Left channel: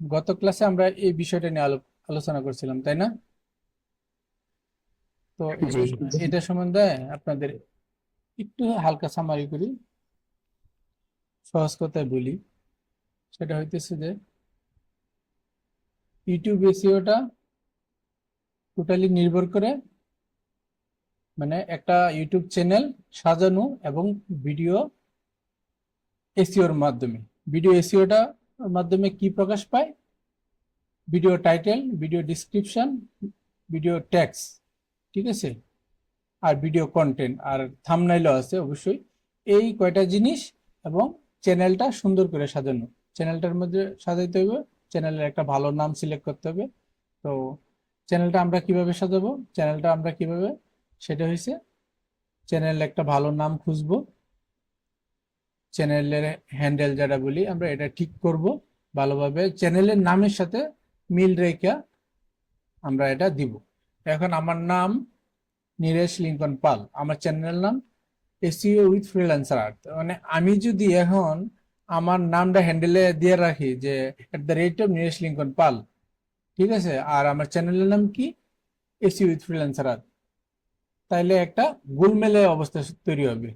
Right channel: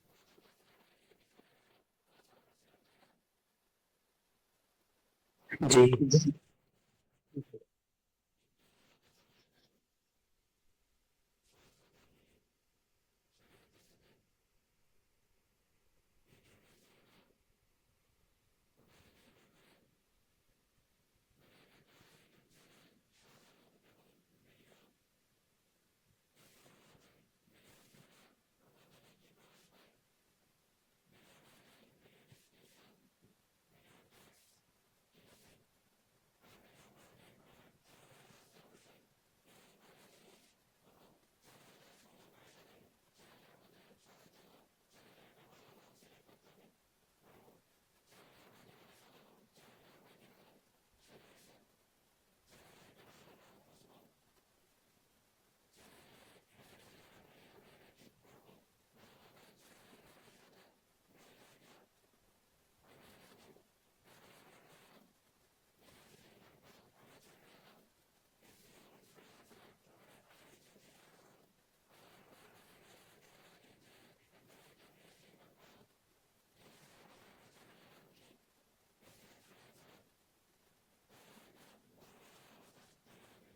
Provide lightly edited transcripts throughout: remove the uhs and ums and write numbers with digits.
গত ক্লাসে আমরা এই বিষয়টা নিয়ে আলোচনা করছিলাম, তাই না? তো জি। এটা সম্বন্ধে আপনাদের একটু হালকা সামারি করি, সহজ কথায় বলি। সেটা হইতেছে যে ইউটিউব এসইওটা টোটালি নির্ভর করে, মানে একটা ইউটিউব চ্যানেল সাজানো এবং ভিডিও এসইওর মাধ্যমে। ভিডিও এসইওটা মাধ্যমে কি প্রকাশ পায়? Video title, video description, video tax, ঠিক আছে, আর ভিডিও কন্টেন্ট, আর থাম্বনেইলও আছে অবশ্যই। এই কয়টা জিনিস এবং চ্যানেলটা সুন্দর করে সাজানো। চ্যানেলটার মধ্যে সাজাইতে হবে, চ্যানেলের একটা ভালো নাম সিলেক্ট করতে হবে। তো চ্যানেলটা আমরা কিভাবে সাজাবো, চ্যানেলটা আমরা কিভাবে, সেটা হয়েছে চ্যানেল একটা ভালো নাম খুঁজবো, চ্যানেলের হ্যান্ডেল যেটা বলি আমরা এটা ঠিক করব ভালোভাবে, চ্যানেলের নামের সাথে মিল রেখে আমরা এটা দিব। এখন আমার নাম নীরেশ লিঙ্কন পাল, আমার চ্যানেল নাম এসইও উইথ ফ্রিল্যান্সার আর্ট। মানে আমি যদি এখন আমার নামটা হ্যান্ডেলে দিয়ে রাখি যে @ নীরেশ লিঙ্কন পাল, ঠিক আছে, আর আমার চ্যানেলের নাম কি, এসইও উইথ ফ্রিল্যান্সার আর্ট, তাইলে একটা গোলমেলে অবস্থা তৈরি হবে।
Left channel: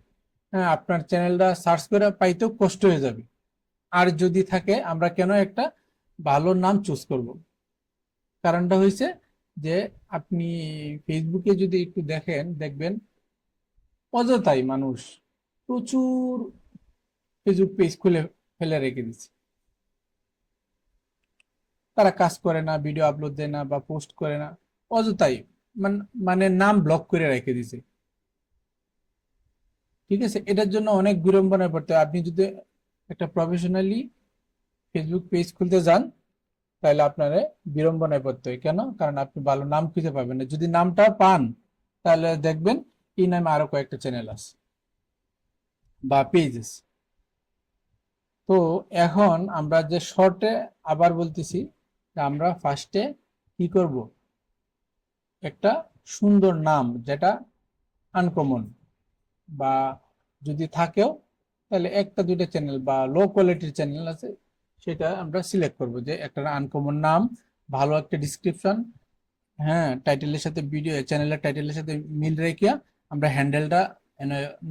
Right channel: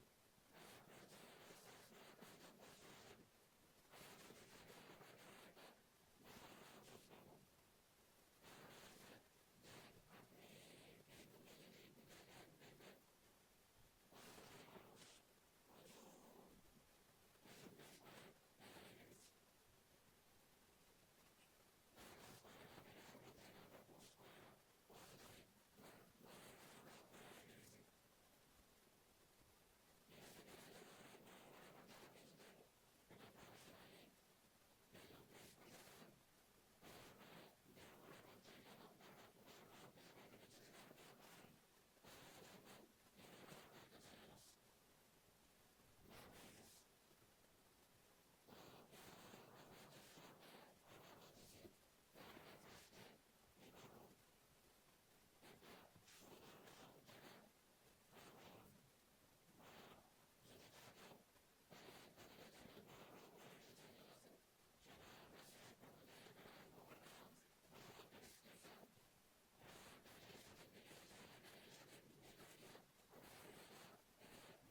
হ্যাঁ, আপনার চ্যানেলটা সার্চ করে পাইতেও কষ্ট হয়ে যাবে। আর যদি থাকে, আমরা কেন একটা ভালো নাম চুজ করব? কারণটা হয়েছে যে আপনি ফেসবুকে যদি একটু দেখেন, দেখবেন অযথাই মানুষ প্রচুর ফেসবুক পেজ খুলে ফেলে রেখে দিচ্ছে। তারা কাজ করে না, ভিডিও আপলোড দেয় না বা পোস্ট করে না, অযথাই মানে নাম ব্লক করে রেখে দিছে। ঠিক আছে, এটার জন্য অনেক বিড়ম্বনায় পড়তে হয়। আপনি যদি একটা প্রফেশনালি ফেসবুক পেজ খুলতে যান, তাহলে আপনার বিড়ম্বনায় পড়তে হয়। কেন? কারণ আপনি ভালো নাম খুঁজে পাবেন না। যদি নামটা পান, তাহলে দেখবেন এই নামে আরো কয়েকটা চ্যানেল আছে বা পেজেস। তো এখন আমরা যে শর্টে, আবার বলতেছি, আমরা ফার্স্টে কি করব, একটা সুন্দর নাম যেটা আনকমন, বা যদি থাকেও তাহলে একটা দুইটা চ্যানেল বা লো কোয়ালিটির চ্যানেল আছে, সেটা আমরা সিলেক্ট করব যে একটা আনকমন নাম, ভালো একটা ডিসক্রিপশন, হ্যাঁ, টাইটেলের সাথে, ভিডিও চ্যানেলের টাইটেলের সাথে মিল রেখে আমরা হ্যান্ডেলটা,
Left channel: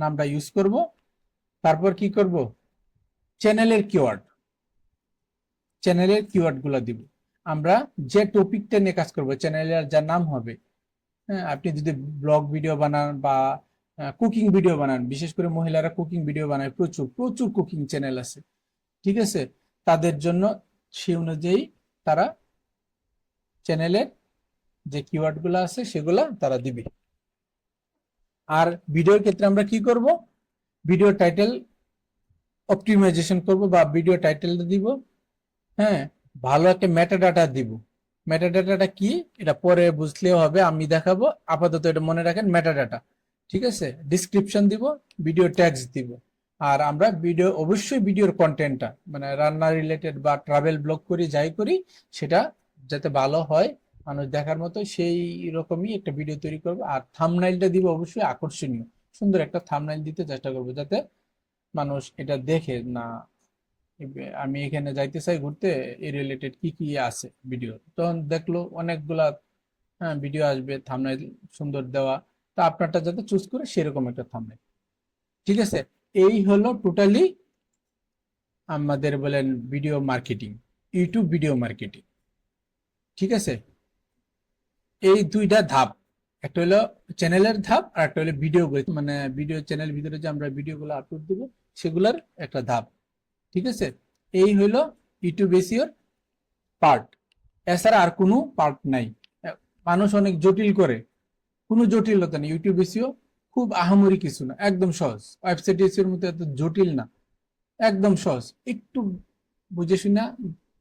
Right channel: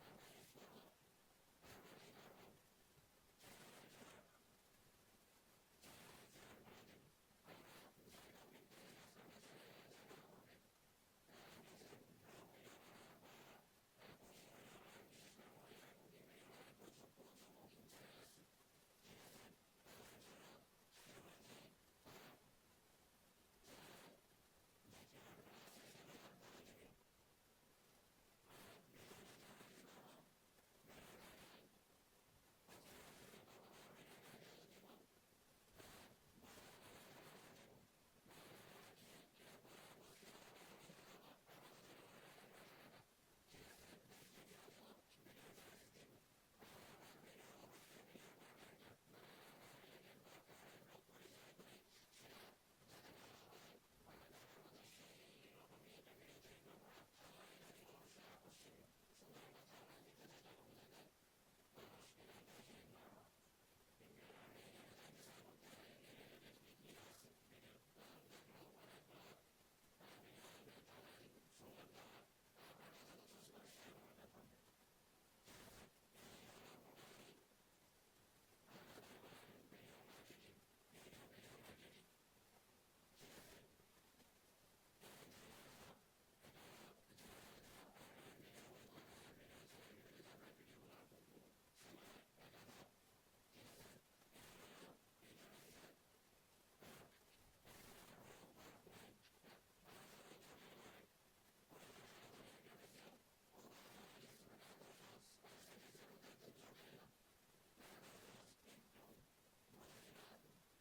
নামটা ইউজ করব। তারপর কি করব, চ্যানেলের কিওয়ার্ড, চ্যানেলের কিওয়ার্ড গুলা দিব। আমরা যে টপিকটা নিয়ে কাজ করব, চ্যানেলের যা নাম হবে। হ্যাঁ, আপনি যদি ব্লগ ভিডিও বানান বা কুকিং ভিডিও বানান, বিশেষ করে মহিলারা কুকিং ভিডিও বানায়, প্রচুর প্রচুর কুকিং চ্যানেল আছে, ঠিক আছে, তাদের জন্য সেই অনুযায়ী তারা চ্যানেলের যে কিওয়ার্ড গুলো আছে সেগুলা তারা দিবে। আর ভিডিওর ক্ষেত্রে আমরা কি করব, ভিডিও টাইটেল অপটিমাইজেশন করব বা ভিডিও টাইটেল দিব। হ্যাঁ, ভালো একটা মেটাডাটা দিব। মেটাডাটাটা কি, এটা পরে বুঝলেও হবে, আমি দেখাবো, আপাতত এটা মনে রাখেন, মেটাডাটা। ঠিক আছে, ডিসক্রিপশন দিব, ভিডিও ট্যাগস দিব। আর আমরা ভিডিও, অবশ্যই ভিডিওর কন্টেন্টটা, মানে রান্না রিলেটেড বা ট্রাভেল ব্লগ করি, যাই করি, সেটা যাতে ভালো হয়, মানুষ দেখার মতো, সেই রকমই একটা ভিডিও তৈরি করবো। আর থাম্বনেইলটা দিব অবশ্যই আকর্ষণীয়, সুন্দর একটা থাম্বনেইল দিতে চেষ্টা করবো, যাতে মানুষ এটা দেখে না, আমি এখানে যাইতে চাই ঘুরতে, এই রিলেটেড কি কি আছে ভিডিও, তখন দেখলো অনেকগুলা, হ্যাঁ, ভিডিও আসবে, থাম্বনেইল সুন্দর দেওয়া। তা আপনারটা যাতে চুজ করে সেরকম একটা থাম্বনেইল। ঠিক আছে, এই হলো টোটালি আমাদের বলেন video marketing, YouTube video marketing. ঠিক আছে, এই দুইটা ধাপ, একটা হলো চ্যানেলের ধাপ, আর একটা হলো ভিডিও, মানে ভিডিও চ্যানেল ভিতরে যে আমরা ভিডিওগুলো আপলোড দিব, সেগুলোর একটা ধাপ। ঠিক আছে, এই হলো ইউটিউব এসইওর পার্ট। এছাড়া আর কোনো পার্ট নাই। মানুষ অনেক জটিল করে, কোনো জটিলতা নেই। ইউটিউব এসইও খুব আহামরি কিছু না, একদম সহজ। ওয়েবসাইট এসইওর মতো এত জটিল না, একদম সহজ। একটু বুঝে শুনে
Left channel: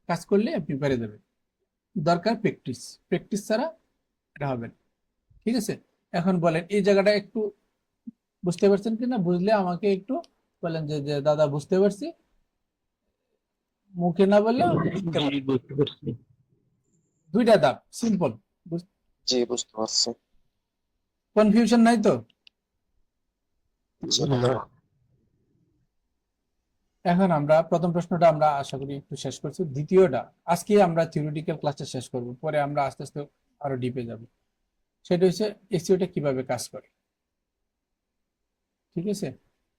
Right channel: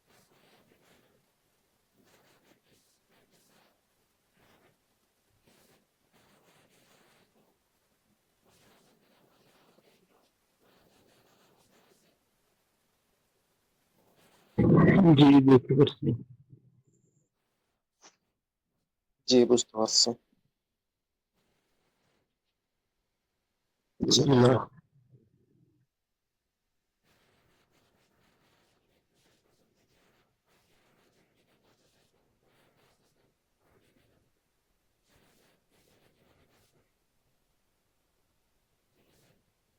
কাজ করলে আপনি পেরে যাবেন। দরকার প্র্যাকটিস, প্র্যাকটিস ছাড়া এটা হবে না। ঠিক আছে, এখন বলেন এই জায়গাটা একটু বুঝতে পারছেন কিনা, বুঝলে আমাকে একটু বলেন যে যে দাদা বুঝতে পারছি, মুখে না বললেও লিখতে জি, পারেন। বুঝতে পারছি। দুইটা ধাপ, সিম্পল। জি, বুঝতে পারছি। কনফিউশন নাই তো? জি না। এখন আমরা প্রথম প্রশ্নটা আমরা আশা করি একটু শেষ করছি। দ্বিতীয়টা আজকে আমরা থিওরিটিক্যাল ক্লাসটা শেষ করব, পরে আমরা আস্তে আস্তে আরো ডিপে যাব। সেটা হচ্ছে এসইওটা কিভাবে কাজ করে। ঠিক আছে,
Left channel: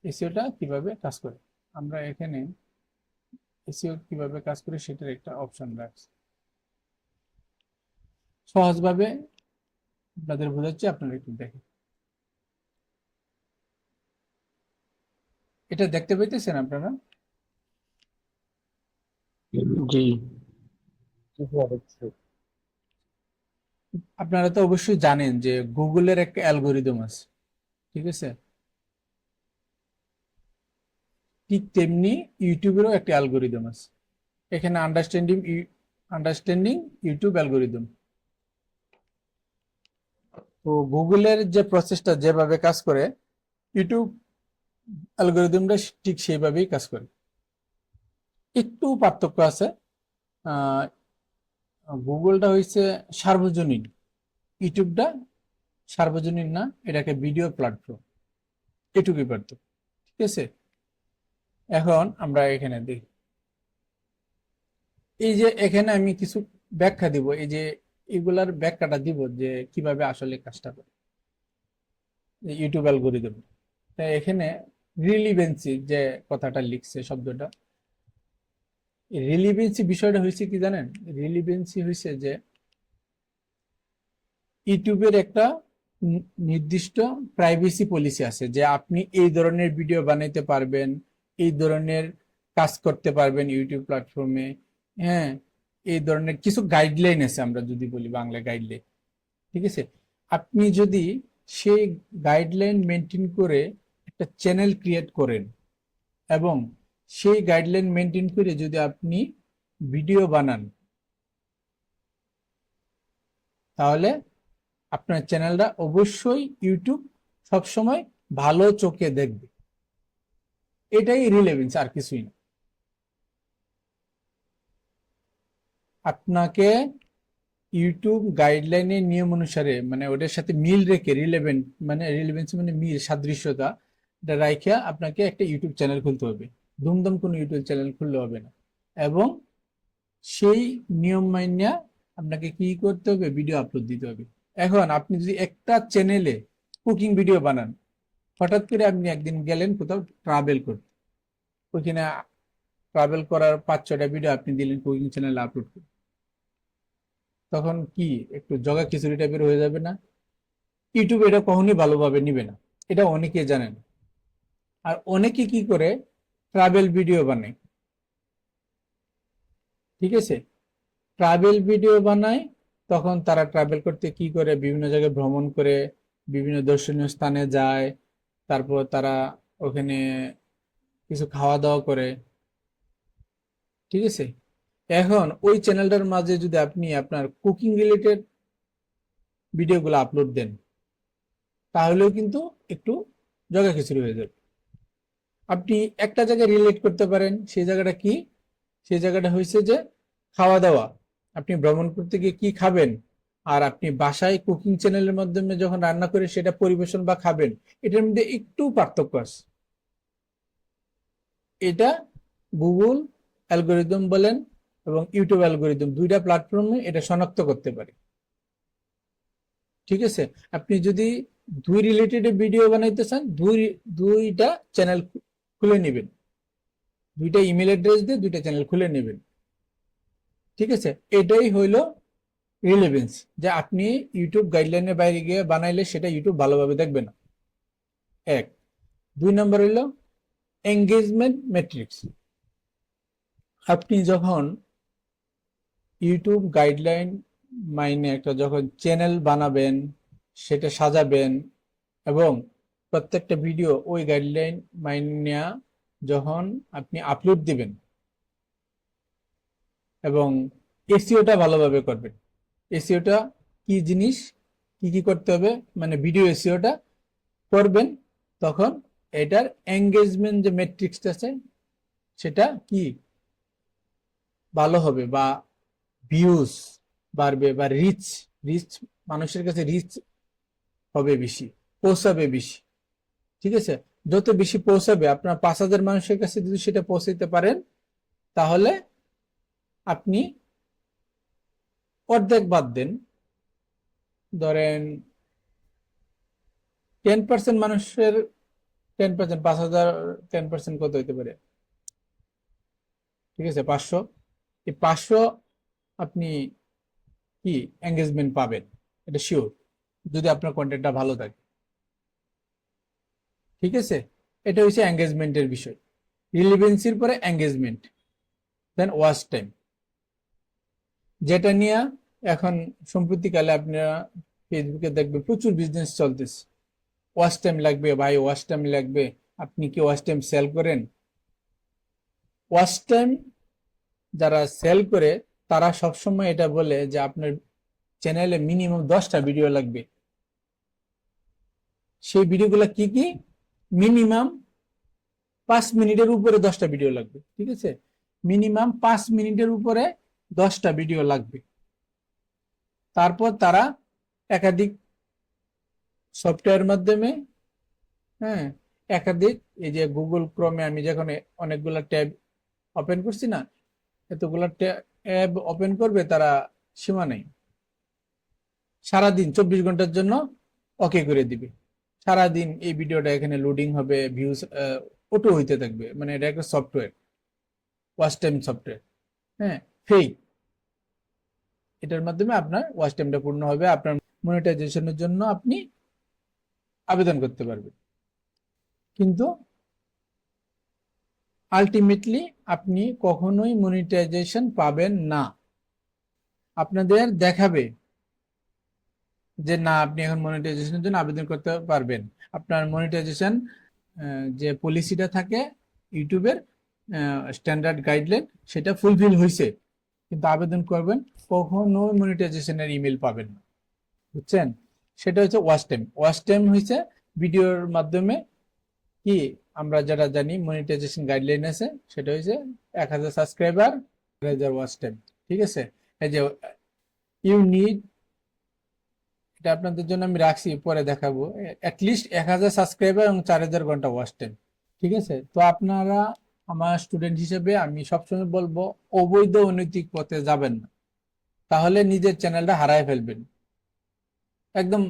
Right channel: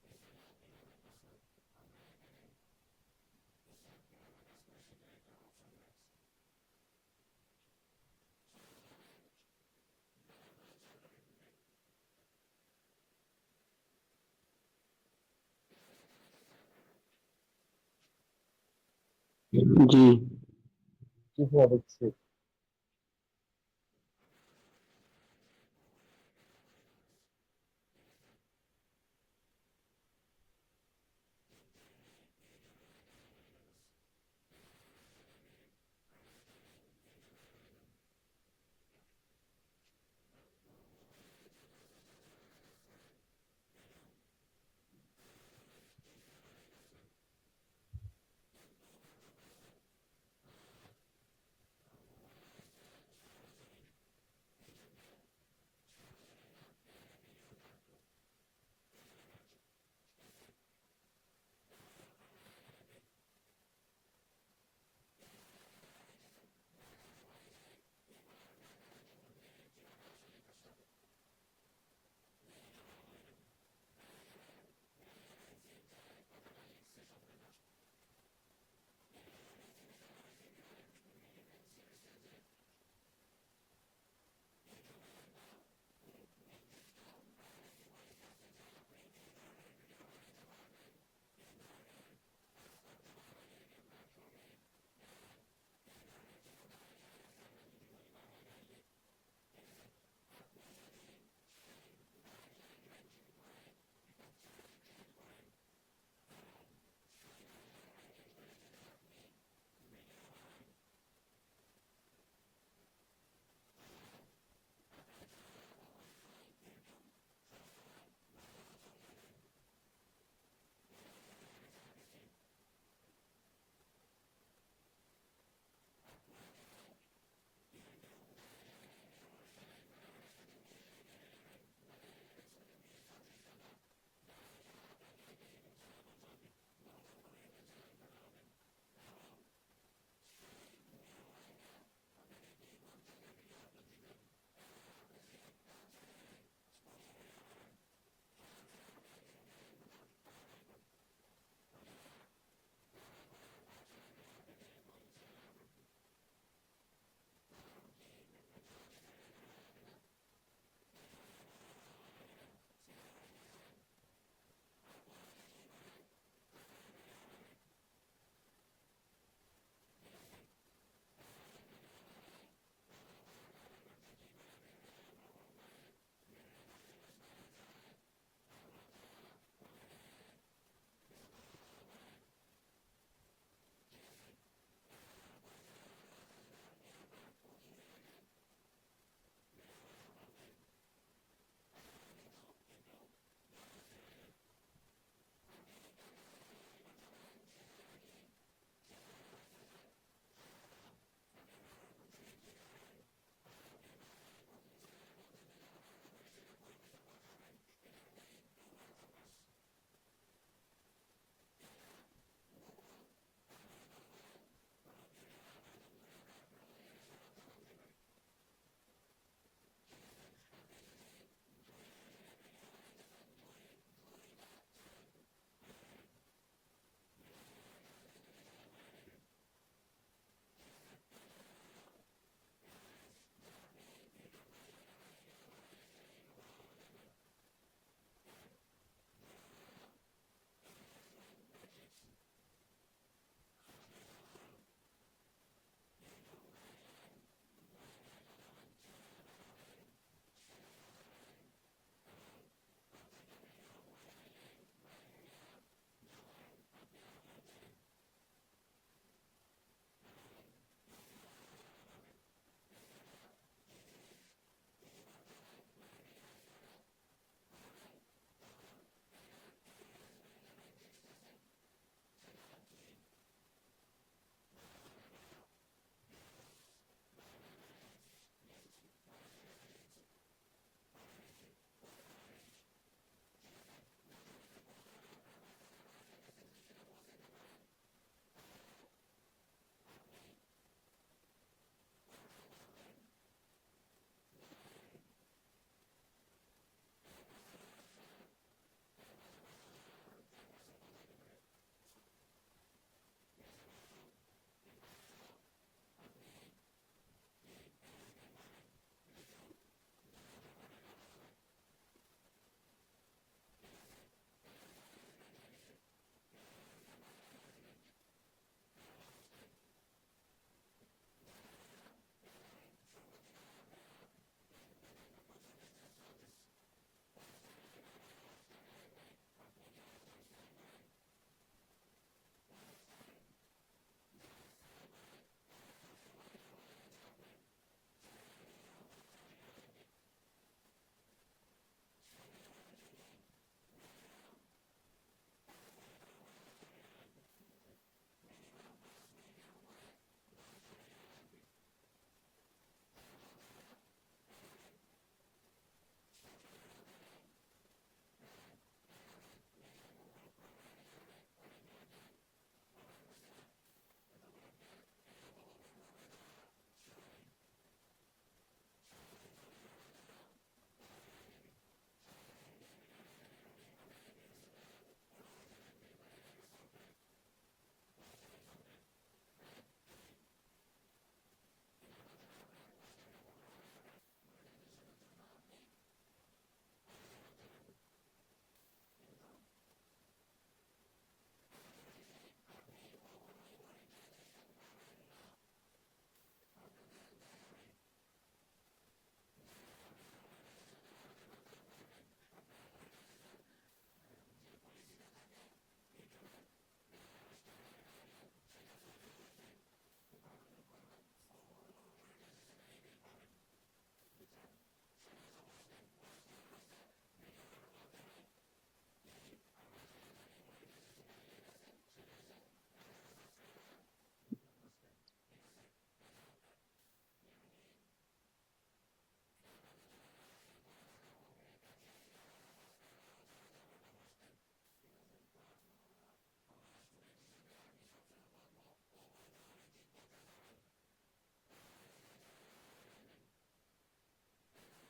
এসইওটা কিভাবে কাজ করে আমরা এখানে এসইও কিভাবে কাজ করে সেটার একটা অপশন রাখছি। সহজভাবে আপনাদের বোঝাচ্ছি, আপনারা একটু দেখেন। এটা দেখতে পাইতেছেন আপনারা? জি। কি হওয়া দেখছি? আপনারা তো অবশ্যই জানেন যে গুগলের একটা অ্যালগোরিদম আছে, ঠিক আছে? ঠিক তেমনি ইউটিউবেরও একটা অ্যালগোরিদম আছে। এখানে আন্ডারস্ট্যান্ডিং ইউটিউব অ্যালগোরিদম। তো গুগলের যে প্রসেসটা যেভাবে কাজ করে, ইউটিউব অ্যালগোরিদমটা ঠিক সেইভাবেই কাজ করে। একটু পার্থক্য আছে। আহ, গুগলটা হচ্ছে সার্বজনীন, ইউটিউবটা সার্বজনীন না, এটাকে ভিডিও প্ল্যাটফর্ম, এটুকুই পার্থক্য। ঠিক আছে, এখন আমরা এখানে দেখি। এই যে এখানে আমি কিছু ব্যাখ্যা দিব, এই যে এগুলার ব্যাখ্যাটা দিব যে কিভাবে আসলে কাজটা করে ইউটিউব অ্যালগোরিদম। তাই এখানে রিলিভেন্সি যে কথাটা লিখছে শব্দটা, রিলিভেন্সি বিষয়টা হয়েছে কি জানেন? রিলিভেন্সি হয়েছে যে ইউটিউবের একটা নির্দিষ্ট প্রাইভেসি পলিসি আছে, যে আপনি এই ধরনের ভিডিও বানাইতে পারবেন, এই ধরনের কাজ করতে পারবেন ইউটিউব প্ল্যাটফর্মে। হ্যাঁ, এই ধরনের কিছু গাইডলাইন আছে, আমরা যদি বলি বাংলা গাইডলাইন। ঠিক আছে, আপনি যদি সেই গাইডলাইন মেনটেন করে একটা চ্যানেল ক্রিয়েট করেন এবং সেই গাইডলাইন মেনটেন করে যদি আপনি ভিডিও বানান, তাহলে আপনার চ্যানেলটা অবশ্যই ইউটিউব সবসময় ভালো চোখে দেখবে। এটাই রিলেভেন্স, আর কিছুই না। আপনাকে ইউটিউব গাইডলাইনের নিয়ম অনুসারে, মানে ওটার সাথে মিল রেখে, রিলেভেন্ট মানে রিলেভেন্স মানে মিল, সাদৃশ্যতা, এটা রাইখা আপনাকে একটা ইউটিউব চ্যানেল খুলতে হবে। দুমদম কোনো ইউটিউব চ্যানেল খুললে হবে না। এবং সেই নিয়ম মাইনা আপনাকে কি করতে হবে? ভিডিও আপলোড দিতে হবে। এখন আপনি যদি একটা চ্যানেলে কুকিং ভিডিও বানান, হঠাৎ করে আপনি একদিন গেলেন কোথাও ট্রাভেল করতে, ওইখানে ট্রাভেল করার 5-6টা ভিডিও আপনি দিলেন কুকিং চ্যানেলে আপলোড করতে, তখন কি একটু জগা খিচুড়ি টাইপের হয়ে যাবে না? ইউটিউব এটা কখনোই ভালোভাবে নিবে না, এটা অনেকে জানেন। আর অনেকে কি করে, ট্রাভেল ভিডিও বানায়। ঠিক আছে, ট্রাভেল ভিডিও বানায়, তখন তারা ট্রাভেল করতে কি করে, বিভিন্ন জায়গায় ভ্রমণ করে, বিভিন্ন দর্শনীয় স্থানে যায়, তারপর তারা ওখানে কিছু খাওয়া দাওয়া করে। ঠিক আছে, এখন ওই চ্যানেলটার মাঝে যদি আপনি আপনার কুকিং রিলেটেড ভিডিওগুলো আপলোড দেন, তাহলেও কিন্তু একটু জগা খিচুড়ি হয়ে যাবে। আপনি একটা জায়গায় রিলেট করতে পারেন, সেই জায়গাটা কি? সেই জায়গাটা হয়েছে যে খাওয়া দাওয়া, আপনি ভ্রমণ করতে গিয়ে কি খাবেন, আর আপনি বাসায় কুকিং চ্যানেলের মাধ্যমে যখন রান্না করে সেটা পরিবেশন বা খাবেন, এটার মধ্যে একটু পার্থক্য আছে। এটা গুগল অ্যালগোরিদম বলেন এবং ইউটিউব অ্যালগোরিদম, দুইটা প্ল্যাটফর্মে এটা শনাক্ত করতে পারে। ঠিক আছে, আপনি যদি দুই রিলেটেড ভিডিও বানাইতে চান, দুইটা চ্যানেল খুলে নেবেন, দুইটা ইমেল অ্যাড্রেস দিয়ে দুইটা চ্যানেল খুলে নেবেন। ঠিক আছে, এটাই হইল রিলেভেন্স, যে আপনি ইউটিউব গাইডলাইনের বাইরে গিয়ে বানাইলে সেটা ইউটিউব ভালোভাবে দেখবে না। এক। 2 নম্বর হইল এঙ্গেজমেন্ট ম্যাট্রিক্স। আপনি যখন ইউটিউব গাইডলাইন মাইনে একটা যখন চ্যানেল বানাবেন, সেটা সাজাবেন এবং প্রত্যেকটা ভিডিও ওই গাইডলাইন মাইনে যখন আপনি আপলোড দিবেন এবং এসইওটা ভালোভাবে করবেন। এসইওটা কি জিনিস, কি কি করতে হবে, মানে ভিডিও এসইওটা করবেন, তখন এটার এঙ্গেজমেন্ট যে ম্যাট্রিক্সটা আছে সেটা কি ভালো হবে, বা ভিউজ বাড়বে, বা রিচ রিচ মানুষের কাছে রিচ হবে বেশি, পৌঁছাবে বেশি। ঠিক আছে, যত বেশি পৌঁছাবে, আপনার 5,000 মানুষের কাছে যদি সেটা পৌঁছাইতে পারেন, তাহলে আপনি অর্ধেক বাদ দেন, ধরেন 10% মানুষের 10%, 5,000, 10% কত হইতে পারে? ঠিক আছে, 500। এই 500 আপনি কি এঙ্গেজমেন্ট পাবেন, এটা শিওর, যদি আপনার কন্টেন্টটা ভালো থাকে। ঠিক আছে, এটা হচ্ছে এঙ্গেজমেন্টের বিষয়। রিলেভেন্সির পরে এঙ্গেজমেন্ট, দেন ওয়াচ টাইম, যেটা নিয়ে এখন সম্প্রতিকালে আপনারা ফেসবুকে দেখবে প্রচুর বিজনেস চলতেছে। ওয়াচ টাইম লাগবে ভাই, ওয়াচ টাইম লাগবে। আপনি কি ওয়াচ টাইম সেল করেন? ওয়াচ টাইম যারা সেল করে তারা সবসময় এটা বলে যে আপনার চ্যানেলে মিনিমাম 10টা ভিডিও লাগবে। সেই ভিডিওগুলো কি কি? মিনিমাম 5 মিনিটের উপরে 10টা ভিডিও লাগবে। ঠিক আছে, মিনিমাম 5 মিনিটের উপরে 10টা ভিডিও লাগবে। তারপর তারা একাধিক সফটওয়্যার মাধ্যমে, হ্যাঁ, একাধিক, এই যে গুগল ক্রোমে আমি যখন অনেকগুলা ট্যাব ওপেন করছি না, এতগুলা ট্যাব ওপেন করবে তারা, সীমা নেই। সারাদিন 24 ঘন্টার জন্য ওকে করে দিবে। সারাদিন এই ভিডিওটা এখানে লোডিং হবে, ভিউজ অটো হইতে থাকবে। মানে এটা একটা সফটওয়্যার, ওয়াচ টাইম সফটওয়্যার, হ্যাঁ, ফেক। এটার মাধ্যমে আপনার ওয়াচ টাইমটা পূর্ণ হবে, আপনার মনিটাইজেশনের জন্য আপনি আবেদন করতে পারবেন। কিন্তু আলটিমেটলি আপনি কখনোই মনিটাইজেশন পাবেন না। আপনাদের দেখাবে যে না, আপনি এখন মনিটাইজেশনের জন্য আবেদন করতে পারবেন। আপনার মনিটাইজেশন যে পলিসিটা থাকে ইউটিউবের স্ট্যান্ডার্ড গাইডলাইন, সেটা ফুলফিল হয়েছে, কিন্তু আবেদন করবেন, কখনোই মনিটাইজেশনের ইমেল পাবেন না। বুঝছেন? সেটা হচ্ছে ওয়াচ টাইম। ওয়াচ টাইম হয়েছে ভিডিওর মাধ্যমে কি, আমরা যারা জানি মনিটাইজেশন গাইডলাইন আছে, সেটা হচ্ছে 1,000 সাবস্ক্রাইবার, 1,000 ওয়াচ টাইম। ঠিক আছে, এই যে ইউ নিড, এটা আপনাদের জন্য আমি রাখছি, পরে দেখাবো, অ্যাটলিস্ট 1,000 সাবস্ক্রাইবার এবং 4,000 ঘন্টা ওয়াচ টাইম। ঠিক আছে, তো আপনারা আমার স্টুডেন্ট হিসেবে আমি সবসময় বলবো অবৈধ অনৈতিক পথে যাবেন না, তাহলে নিজের চ্যানেলটা হারায় ফেলবেন, একদম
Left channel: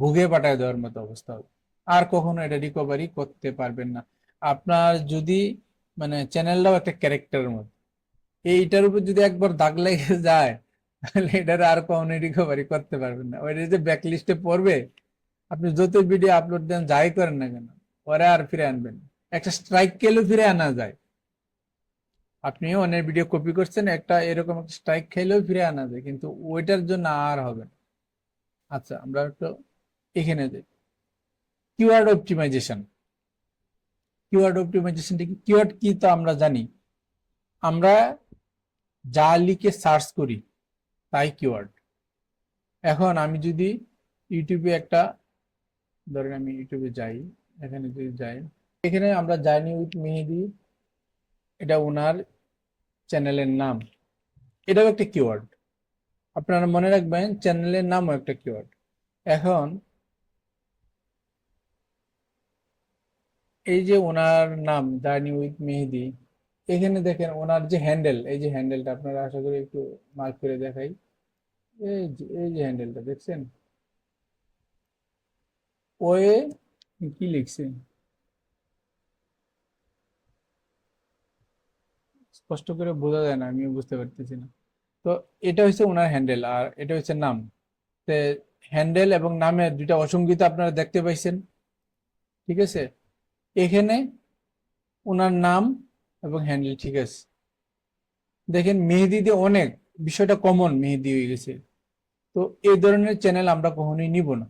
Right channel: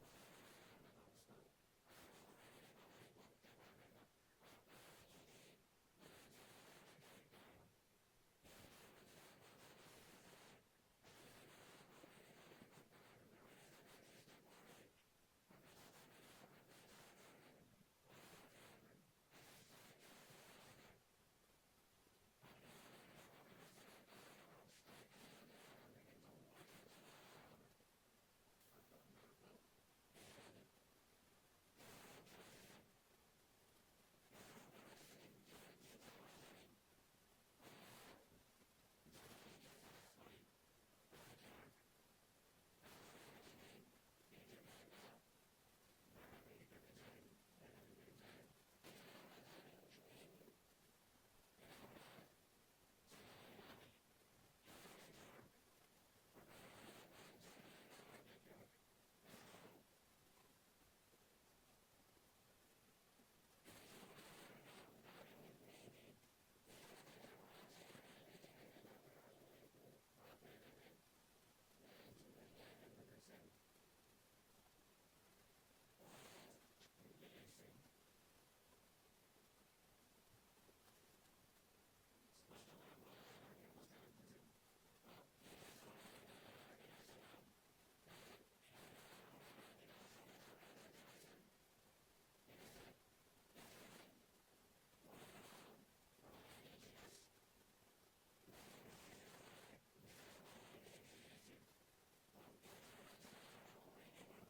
ভুগে পাঠায় দেওয়ার মতো অবস্থা হবে, আর কখনো এটা রিকভারি করতে পারবেন না। আপনার যদি মানে চ্যানেলটাও একটা ক্যারেক্টারের মতো, এইটার উপর যদি একবার দাগ লেগে যায়, তাহলে এটার আর কখনো রিকভারি করতে পারবেন না। ওইটা যে ব্যাকলিস্টে পড়বে, আপনি যত ভিডিও আপলোড দেন, যাই করেন না কেন, ওরা আর ফিরে আনবেন। একটা স্ট্রাইক খেলেও ফিরে আনা যায়। আপনিও অনেক ভিডিও কপি করছেন, একটা এরকম একটা স্ট্রাইক খেলেও ফিরে আনা যায়, কিন্তু ওইটার জন্য আর হবে না। আচ্ছা, আমরা একটু এখানে যাই। Keyword optimisation. কিওয়ার্ড অপটিমাইজেশনটা কি? কিওয়ার্ড কি তো আমরা জানি, আমরা যা লিখে সার্চ করি তাই কিওয়ার্ড। এখন আমি যদি ইউটিউবে একটা, ধরেন আমি ইউটিউবে যাই, এখানে যদি যাই, এখানে আমরা জার্নি উইথ মেহেদি, এটা ওনার চ্যানেলের নাম, এটাও একটা কিওয়ার্ড। আপনারা মনে রাখবেন চ্যানেলের নামও একটা কিওয়ার্ড। এখন এই যে ওনার নাম জার্নি উইথ মেহেদি, এখানে দেখেন ওনার যে হ্যান্ডেল, এই যে হ্যান্ডেলটা আপনারা আশা করি একটু মার্ক করে দেখাই, এই যে হ্যান্ডেলটা দেখছেন, ওয়ে কি লিখছে স্পষ্ট করে বোঝা যায় না, আমিও বুঝতে পারতেছি না। তো এটা হচ্ছে ওনার হ্যান্ডেল, আর এটা হচ্ছে নাম। হ্যান্ডেল এবং নামের দুইটা অসঙ্গিত আপনারা দেখতে পাইছেন। ঠিক আছে, এখানে ওনার নাম এবং হ্যান্ডেল ঠিক আছে। দেখেন মেহেদিতে অনেক বিষয়টা কমন, মেহেদি হয়ে গেছে। তো এই ধরনের চ্যানেল আমরা কখনোই নিব না।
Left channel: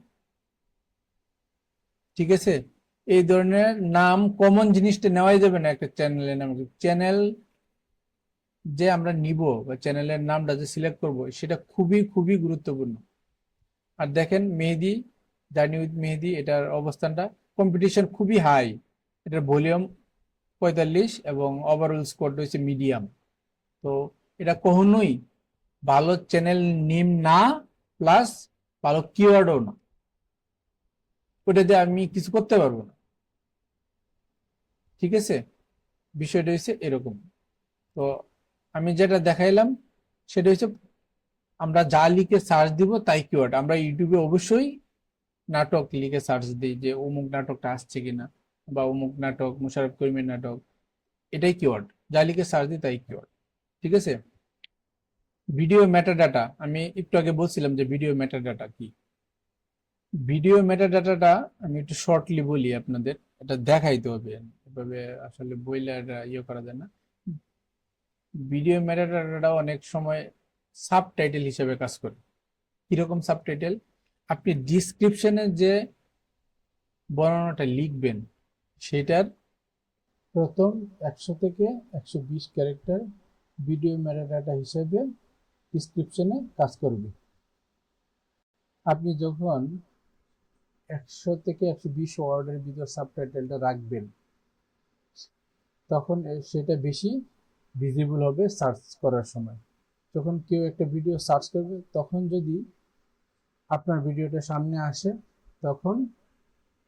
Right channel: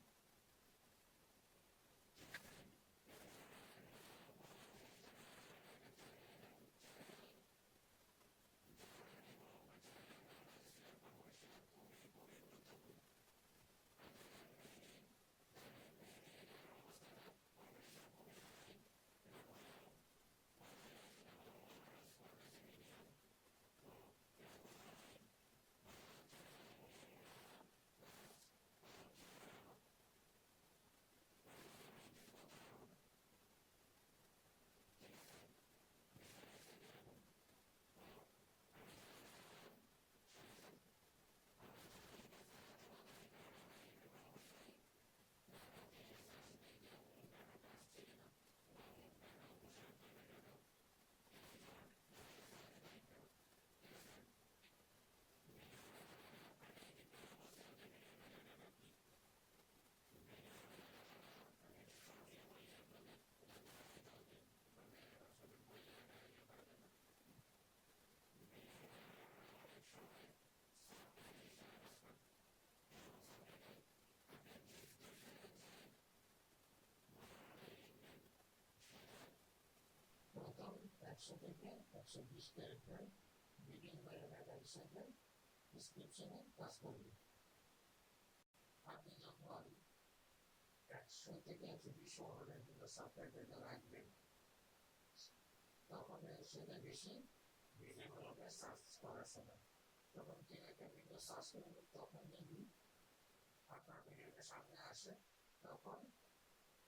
ঠিক আছে, এই ধরনের নাম কমন জিনিসটা নেওয়াই যাবে না একটা চ্যানেলের নাম। চ্যানেল যে আমরা নিব বা চ্যানেলের নামটা যে সিলেক্ট করব, সেটা খুবই খুবই গুরুত্বপূর্ণ। আর দেখেন মেহেদি, জার্নি উইথ মেহেদি, এটার অবস্থানটা, কম্পিটিশন খুবই হাই, এটার ভলিউম 45 এবং ওভারঅল স্কোর হচ্ছে মিডিয়াম। তো এটা কখনোই ভালো চ্যানেল নেম না, প্লাস ভালো কিওয়ার্ডও না, ওটাতে আমি কিছু করতে পারবো না। ঠিক আছে, বিষয়টা হচ্ছে এরকম। তো আমি যেটা দেখাইলাম সেটা হচ্ছে আমরা যা লিখে সার্চ দিব তাই কিওয়ার্ড। আমরা ইউটিউবে অবশ্যই নাটক লিখে সার্চ দিই যে অমুক নাটকটা আসছে কিনা, বা অমুক নাটক মোশাররফ করিমের নাটক, এটাই কিওয়ার্ড। যা লিখে সার্চ দিই তাই কিওয়ার্ড। ঠিক আছে। ভিডিও মেটাডাটা, আমি একটু আগে বলছিলাম যে ভিডিও মেটাডাটা কি। ভিডিও মেটাডাটাটা আমি একটু শর্টলি বলি আপনাদের, এটা দেখাইতে হবে, এভাবে আসলে বইলে এটা ইয়ে করা যায় না। ভিডিও মেটাডাটাটা অনেক সময় সাবটাইটেল হিসেবে কাজ করে। কিরকম সাবটাইটেল? আপনি ডিসক্রিপশনে যে বর্ণনাটা লিখবেন সেটার প্রথম 100 থেকে 120 ক্যারেক্টার ভিডিও মেটাডাটা হিসেবে ডিসক্রিপশনে কাজ করবে। আপনি যখন 100 থেকে 120 ওয়ার্ডের ভিতর সাবটাইটেলটা রাখবেন তখন সেটা বেশি ভিজিবল হবে সার্চ করার সময়। যখন কেউ একটা ভিডিও সার্চ করবে তখন যদি আপনার ভিডিওটা সামনে আসে তখন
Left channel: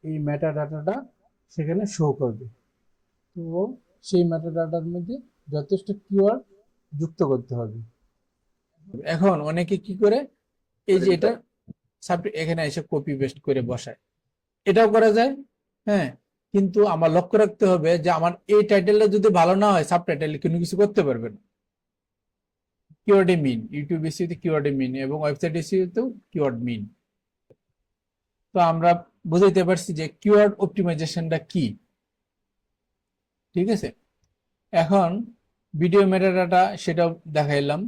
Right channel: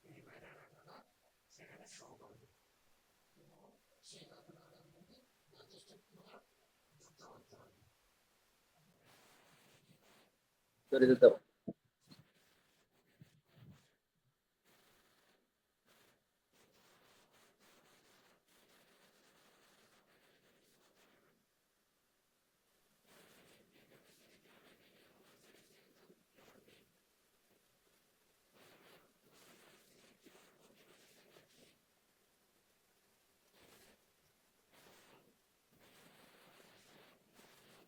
এই মেটাডাটাটা সেখানে শো করবে। তো সেই মেটাডাটার মধ্যে যথেষ্ট কিওয়ার্ড যুক্ত করতে হবে। এখন অনেকে কি করে, এই যে এটা এখানে এসে কপি পেস্ট করে বসায়, এটাও করা যায়। হ্যাঁ, কিন্তু আমার লক্ষ্য রাখতে হবে যে আমার এই টাইটেলটা যদি ভালো না হয় সাবটাইটেল কোনো কিছু করতে পারবেন। কিওয়ার্ডে মিন, ইউটিউব এসইওতে কিওয়ার্ডে মিন এবং ওয়েবসাইট এসইওতেও কিওয়ার্ড মিন। তো আমরা বুঝাইতে পারছি যে কিওয়ার্ড অপটিমাইজেশনটা কি। ঠিক আছে। এখন ভিডিও মেটাডাটা সেটাও দেখাইলাম।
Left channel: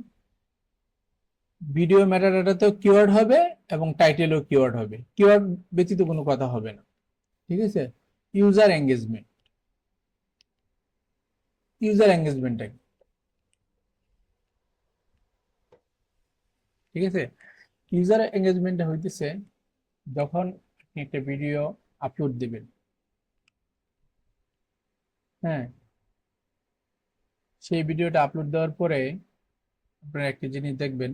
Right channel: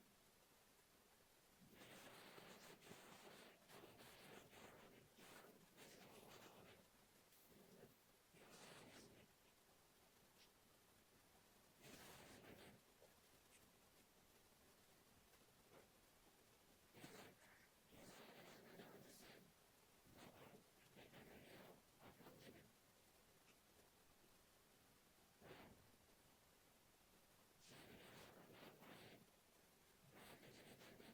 ভিডিও মেটাডাটাতেও কিওয়ার্ড হবে এবং টাইটেলও কিওয়ার্ড হবে, কিওয়ার্ড ব্যতীত কোনো কথা হবে না। ঠিক আছে। ইউজার এঙ্গেজমেন্ট, ইউজার এঙ্গেজমেন্টটা ঠিক আছে। ইউজার এঙ্গেজমেন্টটা হইতেছে যখন আপনি একটা ভিডিও আপলোড দিবেন, হ্যাঁ, সেই ভিডিওটা আপলোড দেওয়ার পরে আপনারা একটা জিনিস দেখবেন,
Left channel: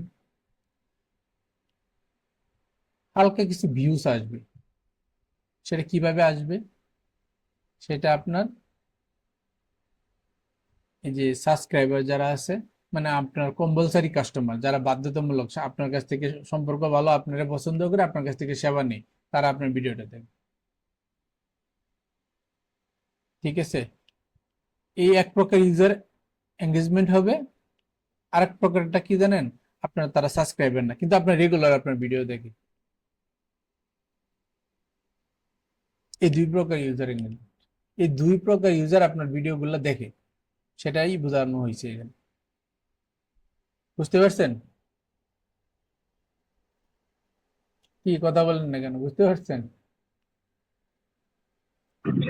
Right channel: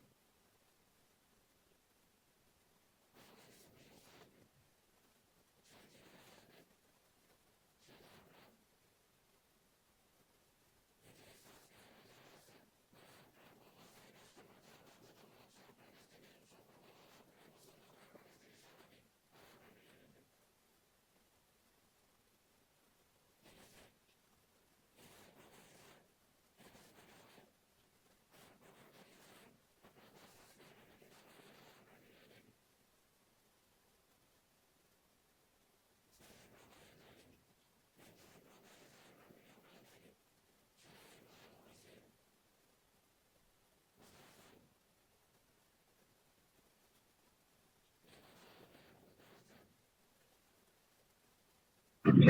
হালকা কিছু ভিউজ আসবে। সেটা কিভাবে আসবে? সেটা আপনার এই যে সাবস্ক্রাইবার যারা আছে, মানে আপনার কম্পালসারি কাস্টমার যারা বাধ্যতামূলক আপনার কাছ থেকে সম্পর্ক ভালো, আপনারা পছন্দ করে আপনার কাছ থেকে সেবা নেই, তারা আপনার ভিডিওটা দেখে। ঠিক আছে। এই এক প্রকার ইউজার এঙ্গেজমেন্ট হবে। আরেক প্রকারটা কি জানেন? আপনার তারা সাবস্ক্রাইবার না কিন্তু আপনার রেগুলার আপনার ভিডিও দেখে। এই দুই প্রকার ইউজার এঙ্গেজমেন্ট, এই দুই প্রকার ইউজার আপনার ভিডিওগুলো দেখে, সেটাই বোঝানো হয়েছে এখানে। বুঝতে পারছেন? কি কথা বলেন না কেন, বুঝতে পারছেন?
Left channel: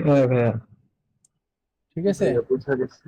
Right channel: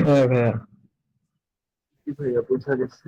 হ্যাঁ ভাইয়া, ঠিক আছে। ভাইয়া বোঝা গেছে।